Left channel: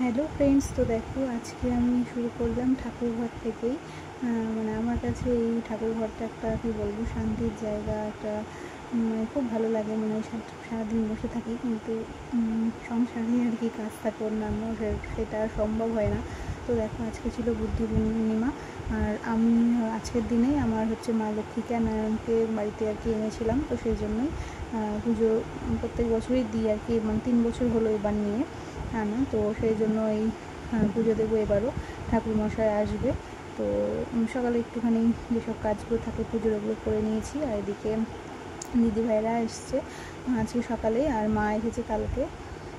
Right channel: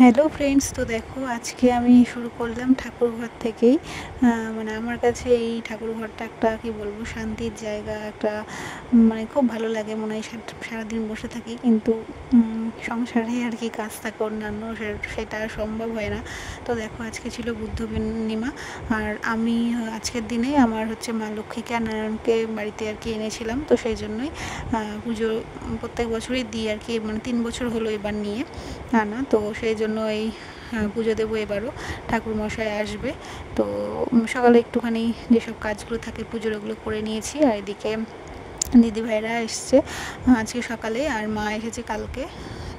Hello friends, তো দেখো আজকে আমি শুরু করলাম ঠাকুরঘর থেকেই। মানে আমার কাছে এই ঠাকুরঘরটা একটা কি বলবো শান্তির জায়গা একটা। মানে খুব ভালো লাগে, মনে হয় সারাদিন বসে থাকি, কিন্তু সংসারে আর কি কাজ থাকে অন্যান্য, সেটা সম্ভব হয় না। তো দেখো আজকে ছিল বুদ্ধ পূর্ণিমা, আর আমি আজকের দিনে আমার হচ্ছে মা লক্ষ্মীকে আর নারায়ণকে বাড়িতে আর কি এনেছিলাম। তো সেই জন্যই পুজো প্রত্যেক বছরই দিই আর কি, মানে 3 বছর হলো এবার নিয়ে আনা। তো সেই জন্য এই পুজো দেবো এবারও, ঠাকুরমশাই আসবে। তো সকালে একটুখানি যেসব কাজগুলো থাকে পুজোর ওগুলো করে নিয়েছি। আর এদিকে দিদিভাইরা এসছে আজকে সকালে, আর মা এসেছে কালকে।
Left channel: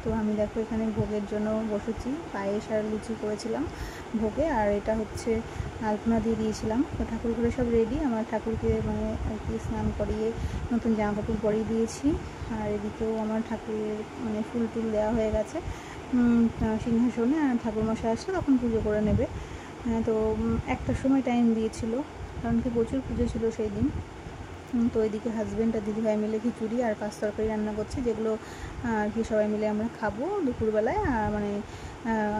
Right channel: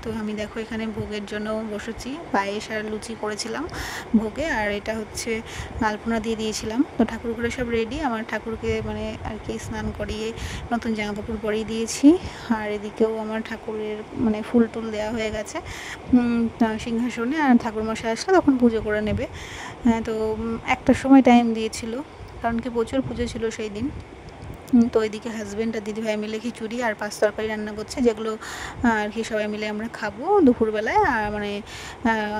তো আমি দেখো এখানে ভোগের জন্য বসেছি, পায়েস আর লুচি করেছিলাম ভোগে, আর এটা হচ্ছে আলপনা দিয়ে দিয়েছিলাম। তো ঠাকুর ঘরে সব রেডি, আমার ঠাকুরকে মানে আর কি স্নান করিয়ে নতুন জামা কাপড় পরিয়ে দিয়েছি। আর এদিকেও আমার ঠাকুরের মানে ফুল টুল দেওয়া হয়ে গেছে সিংহাসনে, আর ঠাকুরমশাই আসলে তখন পুজো করে নেবে। তো একটার সময় টাইম দিয়েছিল, কারণ কি প্রচুর পুজো ছিল সেই দিন। তো এদিকে হাজব্যান্ড আর দিদিভাই মিলে খিচুড়ি আর পাঁচ তরকারি রান্না করছে, যেগুলো আর কি সবাই মিলে আমরা খাবো দুপুরবেলায়। আর মানে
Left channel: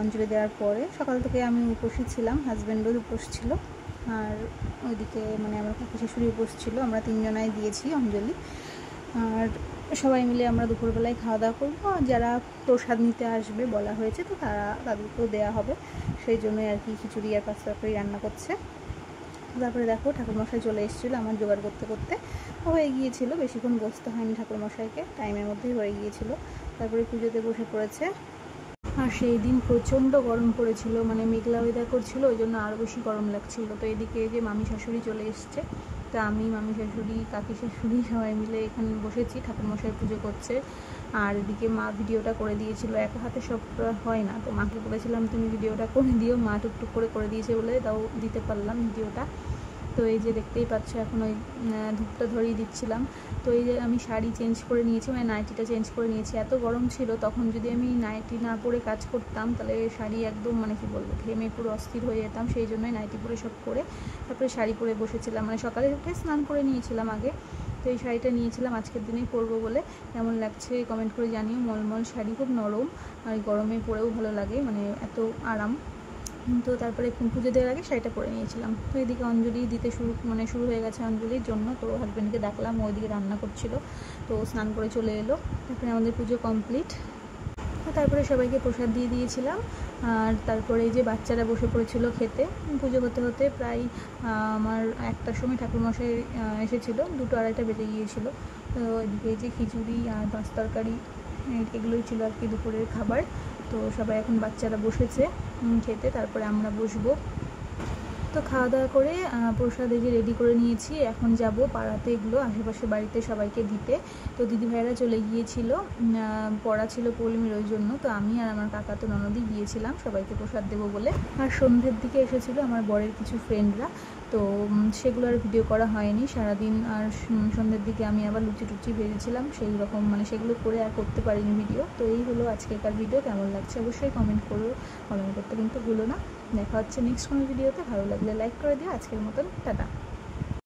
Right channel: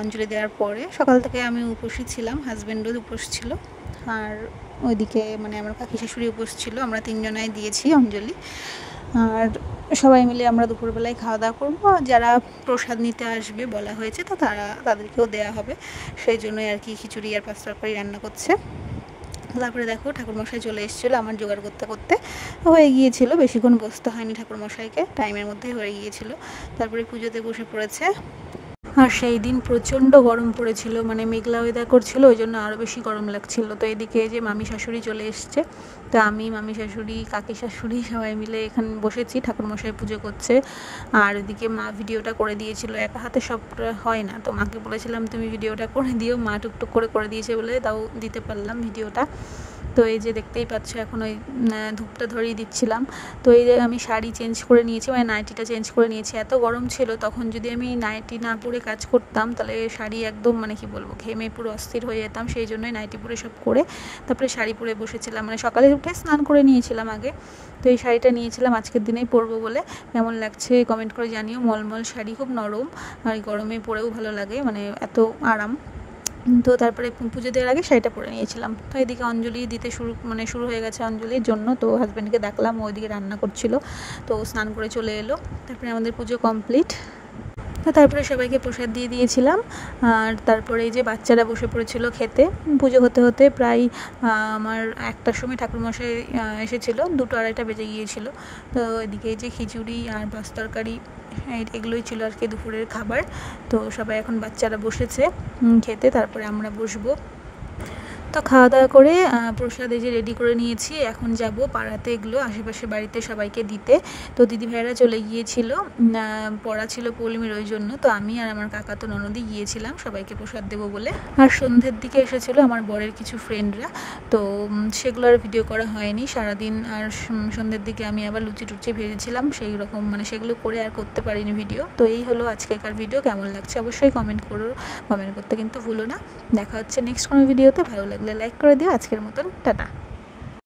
অঞ্জলি দেওয়ার পরে সকাল থেকে আমি উপোসই ছিলাম, হাজব্যান্ডও উপোস ছিল, আর ওইদিকে মানে আমার কাকি শাশুড়ি উপোস ছিল। আমরা তিনজনাই দিয়েছি অঞ্জলি, আর সবাই মিলে আমরা দুপুরবেলায় খাওয়া দাওয়া করবো। যারা প্রসাদ নিতে আসবে বলা হয়েছে, তো তাদেরকেও দেওয়া হবে, সেই জন্যই আর কি খিচুড়ি আর পাঁচ তরকারি রান্না করছে। তারপরে দেখো ঠাকুরমশাই চলে এসেছিলো, আমার জোগাড় করতে করতে হয়ে গিয়েছিল, বেশিক্ষণ বসতে হয়নি ঠাকুরমশাইকে, টাইমের মধ্যেই হয়ে গিয়েছিল। তারপরে পুজোতে বসে পড়েছে। আর সেই দিন প্রচণ্ড গরম পড়েছিল, মানে মেঘলা ওয়েদার করছিল, ওই জন্য আরও বেশি গরম লাগছিল। তো এদিকে যে মামি শাশুড়ি চলে এসছে, তো আমি মামি শাশুড়ি কাকি শাশুড়ি সবাই মিলে এখানে বসেছি, ঠাকুরমশাই পুজো করছে। আর এদিকে মা ভিডিওটা করে দিয়েছিল, একা হাতে সব হয় না, তো মাকে বলেছিলাম তুমি ভিডিওটা করে দিও, মা টুকটুক করে দিয়েছে বলে তাও দিতে পারলাম ভিডিওটা। তো এই যে দেখতেই পাচ্ছ এখন ওই ধূপটা ধরিয়ে দিচ্ছিলাম। তো এই যে আমি শাড়ি চেঞ্জ করে নিয়েছি, মানে নাইটিটা চেঞ্জ করে নিয়েছি, এত গরম ছিল তখন, যদি আমি নাইটি না পরে কাজ করতাম তাহলে শাড়ি একদম মানে কি বলবো ঘেমে পুরো অস্থির হয়ে যেতাম। সেই জন্যই নাইটি পরে সব করে তারপরে শাড়ি পরে বসেছিলাম, মানে সকালে উঠে স্নান করে নিয়েছিলাম আগে। তো এই শাড়িটা নিয়েছিলাম আজকের দিনেই পরবো বলে। কেমন লাগছে কমেন্ট করে জানিও, মলমল শাড়ি, খুব নরম, আর গরমে পরেও ভালো লাগে, মানে এত আরাম। তো তারপরে পুজো দেওয়ার আগে শাড়িটা পরে নিয়েছিলাম। তো এদিকে অঞ্জলি দিতে শুরু হয়ে গেছে অঞ্জলির জন্য। তো হাজব্যান্ডকে ডাকলাম, ওইদিকে রান্না করছিল, তো স্নান করে চলে এলো। তারপরে আমাদের পুজো কমপ্লিট। তো তারপরে সবাইকে প্রসাদ দিয়ে দিয়েছিলাম। আর তারপরে এই যে বাচ্চারা বসে পড়েছিল খেতে। পুজো হতে হতে প্রায় আমার 1টার সময় ঠাকুরমশাই এসেছিলো, 2-2:30 বেজে গিয়েছিলো। তো এদিকে এই যে খিচুড়ি আর পাঁচ তরকারি এগুলোই ছিল আর কি দুপুরের খাবার। তো সবাই এখন বাচ্চারা বসেছে খেতে, তারপরে আমরা বসবো। তো খাওয়া দাওয়া করে প্রসাদ এই যে রেডি করে নিয়েছি, এখন যাব পাড়াতে এগুলো আশেপাশে বাড়িতে সবাইকে দিতে। তো দিদিভাইরা চলে গিয়েছিল, পড়া ছিল পৌলমীর, ওই জন্য তো আমি আর আমার কাকা তো ননদি গিয়েছিলাম সবাইকে প্রসাদ দেবো বলে। আর সন্ধ্যের দিকে এসেছিলো আমার বরের কিছু ফ্রেন্ডরা, তো সেগুলো আর ভিডিও করা হয়নি সারাদিন। আর সন্ধ্যের দিকে আমি আবার লুচি টুচি ভেজেছিলাম, সেই রকম মানে সেগুলো করে আর করতে পারিনি ভিডিও। তো এই হলো আজকেকার ভিডিও, কেমন লাগছে অবশ্যই কমেন্ট করতে কিন্তু ভুলো না। দেখা হচ্ছে নেক্সট কোনো ভিডিওতে, ভালো লাগলে লাইক করে দিও। আজকের মতন টাটা।